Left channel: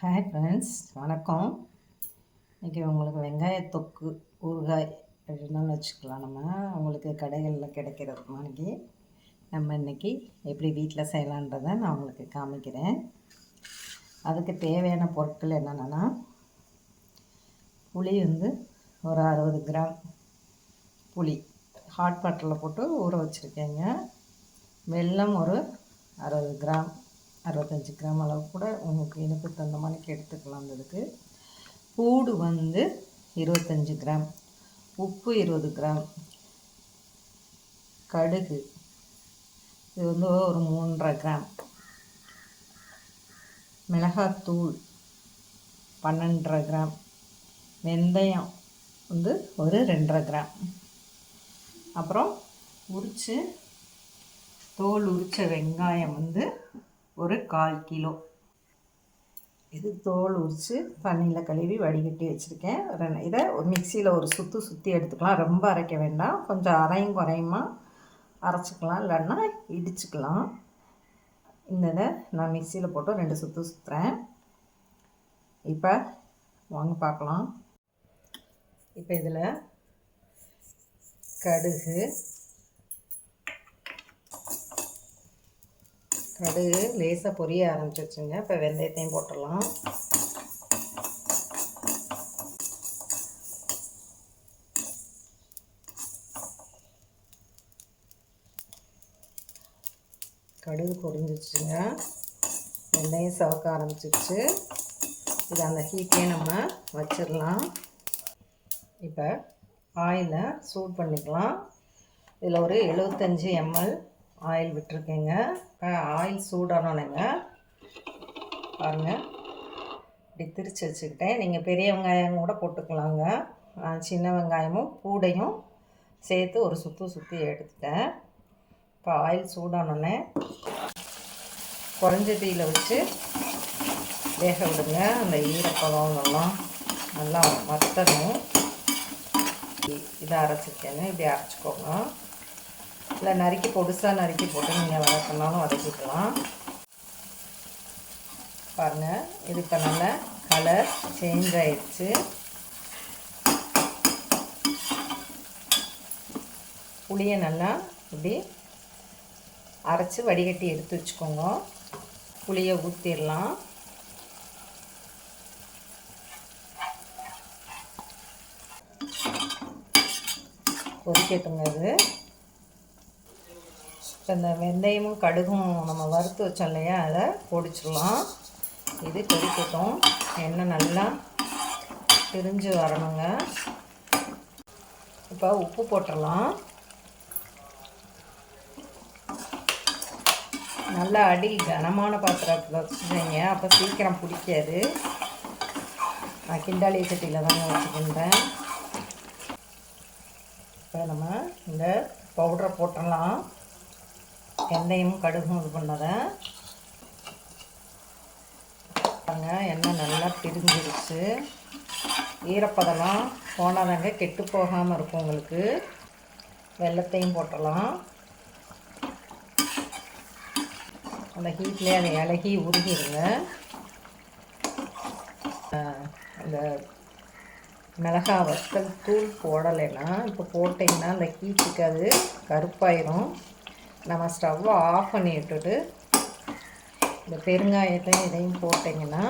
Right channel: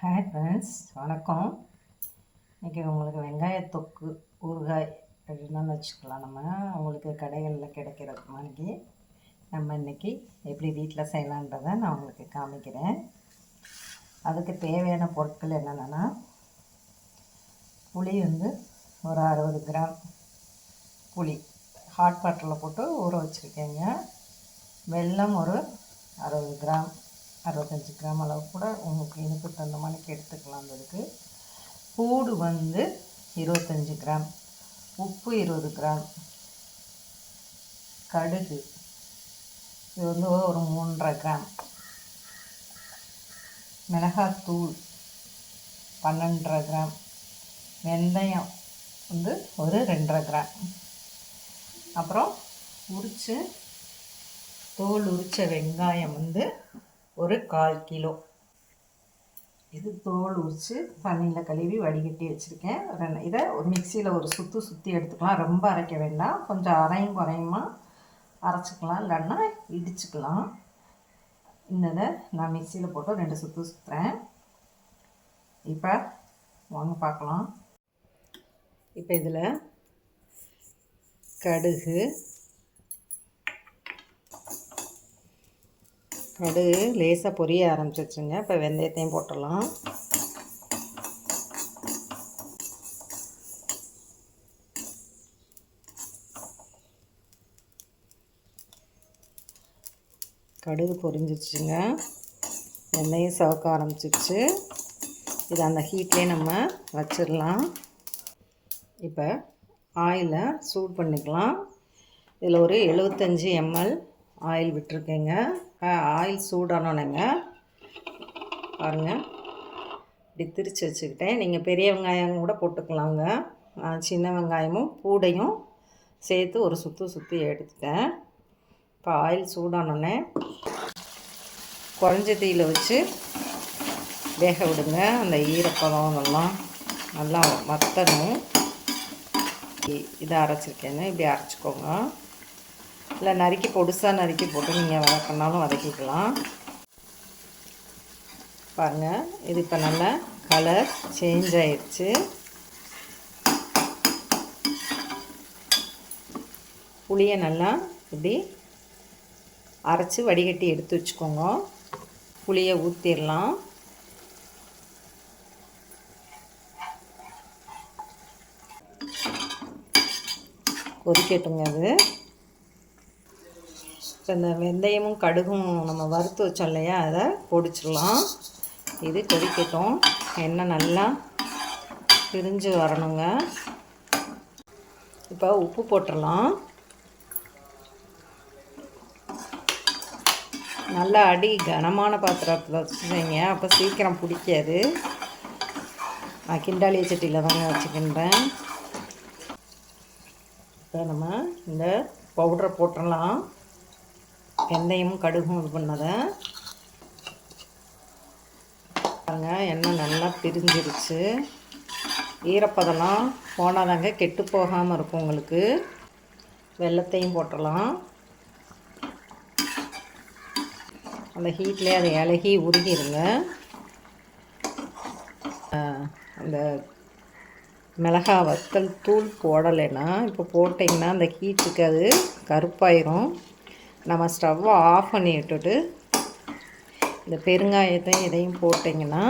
Hi friends, வணக்கம். இன்றைக்கி உங்களுக்கு வெங்காய தொக்கு ஊறுகாய் அப்படின்னாலும் வச்சுக்கலாம். உங்களுக்கு கடைகளில் கிடைக்கிற மாதிரி நம்ம இன்றைக்கி எப்படி வீட்டில் செய்யலான்றதை நான் உங்களுக்கு காமிக்கிறேன். அதுக்கு தேவையான பொருட்கள் என்னென்னா, புளி ஒரு 60 கிராம் புளி ஹாட் வாட்டரில் போட்டு ஊற வச்சுருக்கேங்க. வெல்லம் ஒரு 60 கிராம் 65 கிராம் அளவு கூட உங்களுக்கு இனிப்பு தகுந்த மாதிரிக்கு எடுத்துக்கலாம். அதுக்கு பூடு 25 கிராம், உப்பு 20 கிராம், கடுகு இது ஒரு 3.5 கிராம், மிளகாத்தூள் 12.5 கிராம், வெந்தயம் ஒரு 2.5 கிராம், அப்புறம் தோல் உரித்த வெங்காயம் ஒரு 1/4 கிலோ. இது தோல் உரித்து தண்ணியில் கழுவி வடிகட்டி வச்சுருக்கேன். இதை ஒரு மிக்சியில் ஒரு சுற்றி எடுத்துக்கலாம். ரொம்ப அரைக்க வேண்டாம், கொஞ்சம் அரையும் குறையுமா அரைச்சிக்கலாம், இல்லைன்னா இடிச்சுக்கலாம். இதை நான் மிக்சியில் போட்டு 2 சுற்றுறேன். இப்போ வாங்க பார்க்கலாம். இப்போ இதில் கடுகு லேசாக பொரிய ஆரம்பிச்சிருச்சுங்க. இப்போ வெந்தயத்தையும் போட்டுடலாம். கடுகு பொரிஞ்சிருச்சுங்க, வெந்தயம் சவக்க ஆரம்பிச்சிருச்சு. இது அந்த ஹீட்லேயே நம்ம வச்சிடலாம். இப்போ ஆயிலை சூடு பண்ணிக்கலாம். இதில் ஒரு 75 ml ஆயில் விட்டுருக்கேங்க. ஆயில் சூடானோன்னேங்க பாருங்கள், இப்படி திரிச்சு வச்சுக்கிட்டேன். நீங்கள் பெரிய வெங்காயம் கூட போட்டுக்கலாங்க. சின்ன வெங்காயமும் பூடையும் சேர்த்து ஒரு சுற்றி எடுத்துட்டேன். இப்போ ஆயில் சூடானோடனே குறைஞ்ச தீயில் வச்சு வேக விடுங்க. அந்த ஈரப்பதம் எல்லாம் நல்லா வத்தணும். இதை அரைச்சிருக்கேன்னு இப்படி அரைச்சிக்கோங்க. இல்லை நறுக்கி பொடுசாக நறுக்கி போட்டு நீங்கள் வதக்கினாலும் வதக்கிக்கலாம். பாருங்கள், இது இப்போ நல்லா கலர் சேஞ்ச் ஆயிடுச்சு. புளியை நல்லா இப்படி அரைச்சி வடிகட்டி எடுத்து வச்சுக்கோங்க. புளியை ஊற்றிடலாம். கொதிக்கட்டுங்க. அது இப்போ இந்த வெந்தயமும் கடுகும் நம்ம வறுத்து வச்சோம் இல்லையா, அதை பொடிச்சிடலாம். இது கொதிக்கட்டும். எண்ணெய் நல்லா பிரிஞ்சு வரணுங்க. இப்போ உப்பு போட்டுடலாம். நல்லா அடி கனமான பாத்திரத்தில் வச்சுருங்க, அப்போ சீக்கிரம் பிடிக்காது. நான் கிண்டாலி சட்டியில் தானே வச்சுக்கின்றேன். இப்போ நம்ம இந்த பவுடரை போட்டுடலாம். வெந்தயமும் கடுகும் இது பண்ணதை எண்ணெய் நல்லா பிரிஞ்சிருச்சு. ஈரப்பதெல்லாம் போனாதாங்க கெட்டு போகாமல் இருக்கும் உங்களுக்கு. வெல்லத்தையும் போட்டுடலாம். அந்த ஹீட்லேயே அதை இலகி உருகிடுங்க. இந்த மிளகா வத்தல் தூள் போடலைன்னா, இப்போ போட்டிங்கன்னா அந்த ஹீட்டுக்கு அது கருப்பாயிரும். நம்ம ஸ்டவ்வை ஆஃப் பண்ணி விட்டுட்டு இந்த பெருங்காயத்தையும் இதையும் போட்டிங்கன்னா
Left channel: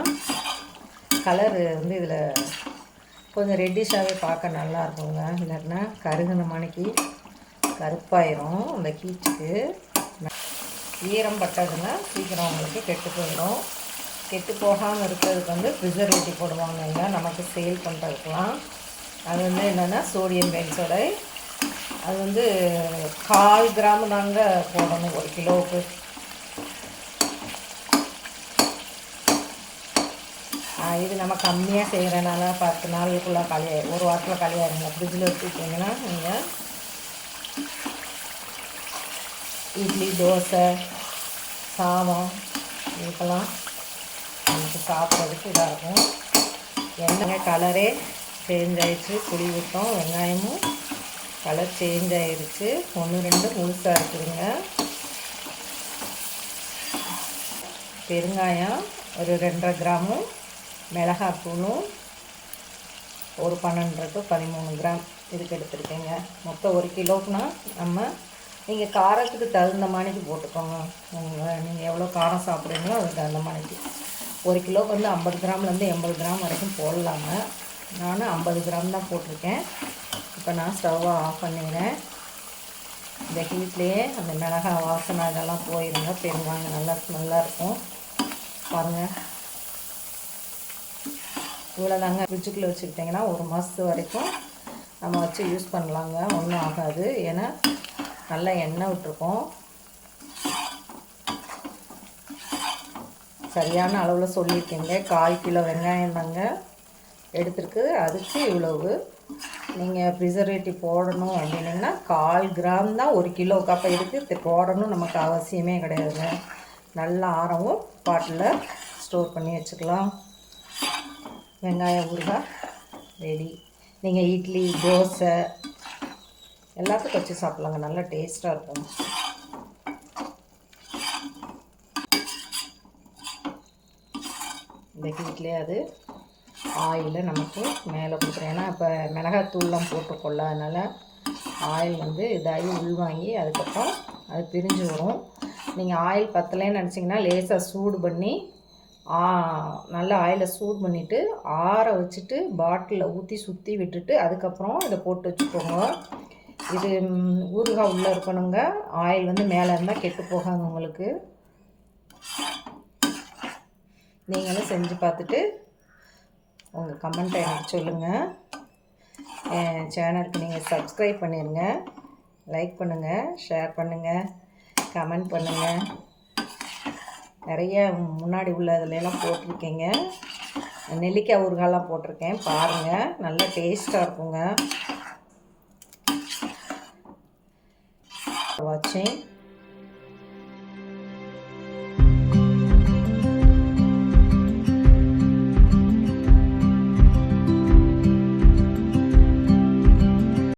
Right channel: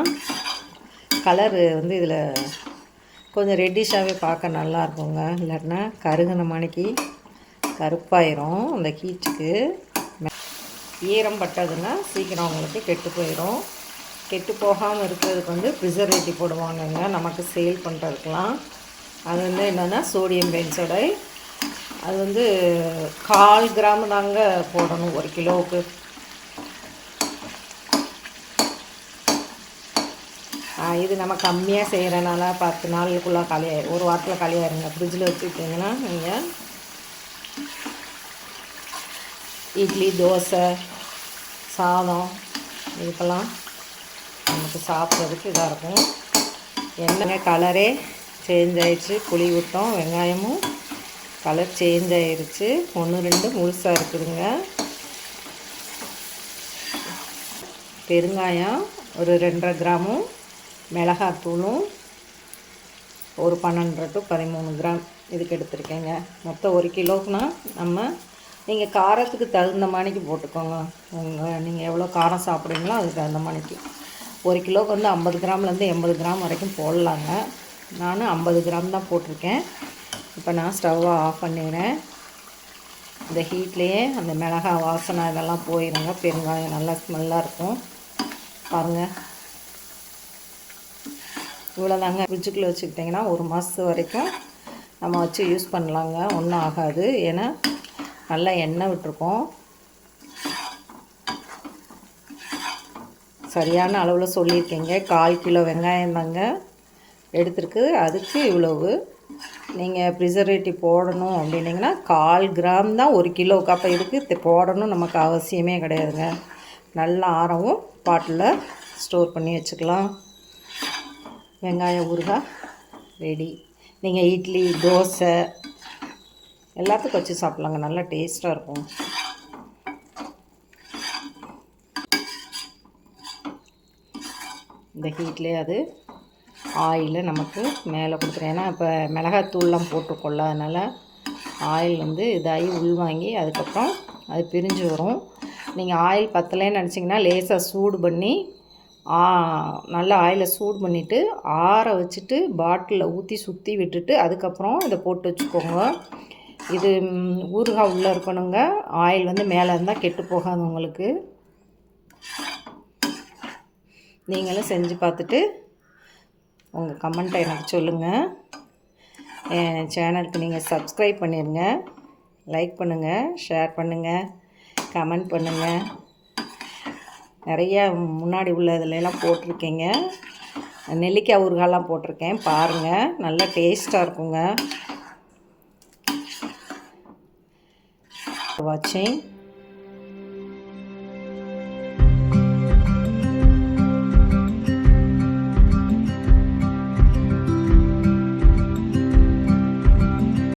கலரு இதில் கொஞ்சம் ரெட்டிஷாகவே பார்க்க நல்லா இருக்குங்க. இல்லைன்னா கருகின மணிக்கு கருப்பாயிரும். அந்த ஹீட்டுக்கு ஈரம் பட்டதுன்னா சீக்கிரம் உங்களுக்கு கெட்டு போயிடும். கெட்டு போகாமல் இருக்கிறதுக்கு ப்ரிசர்வேட்டிவ் போடுவாங்கங்க, நமக்கு சேல் பண்ணுறதுக்கெலாம். அது என்னென்னா சோடியம் பென்சோடைட். அது 1/4 கிராம் தாங்க போடணும் 1 கிலோவுக்கு. இது நம்ம கம்மியாக செய்கிறனால 10 நாளுக்குள்ளே காலியாயிடும், ஒரு வாரத்தில் காலியாயிருங்க. ஃப்ரிட்ஜில் வச்சுக்கிட்டிங்கன்னா நீங்கள் இட்லி, தோசை, சாதம் இதுக்கெல்லாம் நமக்கு சாப்பிட்றதுக்கு இதாக இருக்கும். எண்ணெய் கலரே சேஞ்ச் ஆகிடுச்சு. புளி விட்டோம், வெங்காயமும் கலர் சேஞ்ச் ஆகிடுச்சு. 1-2 முழுசாக இருக்குதுங்க. பெருங்காயம் ஒரு 2.5 கிராமும் மிளகாத்தூளும் ஒரு 12 to 13 கிராம் இதுக்கு எடுத்துருக்கேங்க. மொத்தம் 1 கிலோக்குனா நீங்கள் காரத்துக்கு தகுந்த மாதிரிக்கு போட்டுக்கோங்க. நீங்கள் எவ்வளோ காரம் சாப்பிட்றீங்களோ அதுக்கு தகுந்த மாதிரிக்கு. 1 கிலோவுக்கு வந்து 50 கிராம்லேருந்து 80 கிராம் வரைக்கும் போடலாங்க. நான் 50 கிராம் தான் போட்டிருக்கேன். இப்போ நான் ஸ்டவ்வை ஆஃப் பண்ணிடுறேன். இந்த ஹீட்லேயே அந்த மிளகாய் வாசனை இதெல்லாம் போயிடுங்க. பெருங்காயம் நல்லா ஸ்மெல்லாக இருக்கும். பாருங்கள், இவ்வளோதாங்க. ஃப்ரிட்ஜுக்குள்ளே வச்சுக்கிட்டிங்கன்னா 1 மாதத்து வரைக்கும் நம்ம வச்சு யூஸ் பண்ணலாங்க. ஒன்றும் ஆகாது. ஏன்னா நல்லா எண்ணெய் விட்டுருக்கோம். சரியான அளவில் சொல்லியிருக்கேங்க. 1/4 கிலோ வெங்காயம் தாங்க எடுத்துருக்கு. அதுக்கு இவ்வளவு. நீங்கள் ப்ரிசர்வேட்டிவ் போடணும் அப்படின்னிங்கன்னா 1/4 கிராம் தான் 1 கிலோவுக்கு. அப்போ இதுக்கு போடணும் நமக்கு அவசியமே கிடையாதுங்க. நல்லா ஆறவும் பாட்டில் ஸ்டோர் பண்ணி வச்சுக்கலாம். வெங்காய ஊறுகாய் ரெடி. நீங்கள் இட்லி, தோசை எல்லாத்துக்கும் வச்சு சாப்பிட்லாங்க. நல்லா டேஸ்ட்டாக இருக்கும். இந்த ஹீட்லேயே அது ஆயிலை நமக்கு மேலே கொடுக்குறேன். ஏன்னா இப்போ மிளகாத்தூள்லாம் போட்டுக்கொள்ள, அதனால் ஆயில் வந்து இதாகி உள்வாங்கி அதுக்கப்புறம் அது பிரிஞ்சு வரும். நீங்கள் ஆயில் பத்தலைன்னு நினச்சிங்கன்னா லேசாக சூடு பண்ணி நல்லா ஆயிலை சூடு பண்ணிவிட்டு ஆற வச்சுட்டு பாட்டிலில் ஊற்றி சுற்றி விட்டுட்டு அதுக்கப்புறம் இதை போட்டு வச்சுக்கோங்க. இது ஊறுகாய் உள்ளே இருக்கணுங்க. ஆயில் வந்து மேலே இருந்தால் கெட்டு போகாது உங்களுக்கு. நீங்களும் செஞ்சு பார்த்துட்டு உங்கள் கமெண்ட்டை எனக்கு சொல்லுங்கள். என் சேனலுக்கு நீங்கள் சப்ஸ்கிரைப் பண்ணிடுங்க. லைக் பண்ணுங்கள், ஷேர் பண்ணுங்கள், கமெண்ட் பண்ணுங்கள். நிறைய முன்னாடி உள்ள இதிலெல்லாம் போட்டிருக்கேங்க. நெல்லிக்காய் ஊறுகாயெலாம் போட்டிருக்கேன். பாருங்கள், நல்லா டேஸ்ட்டாக இருக்குங்க. வாட்சிங்.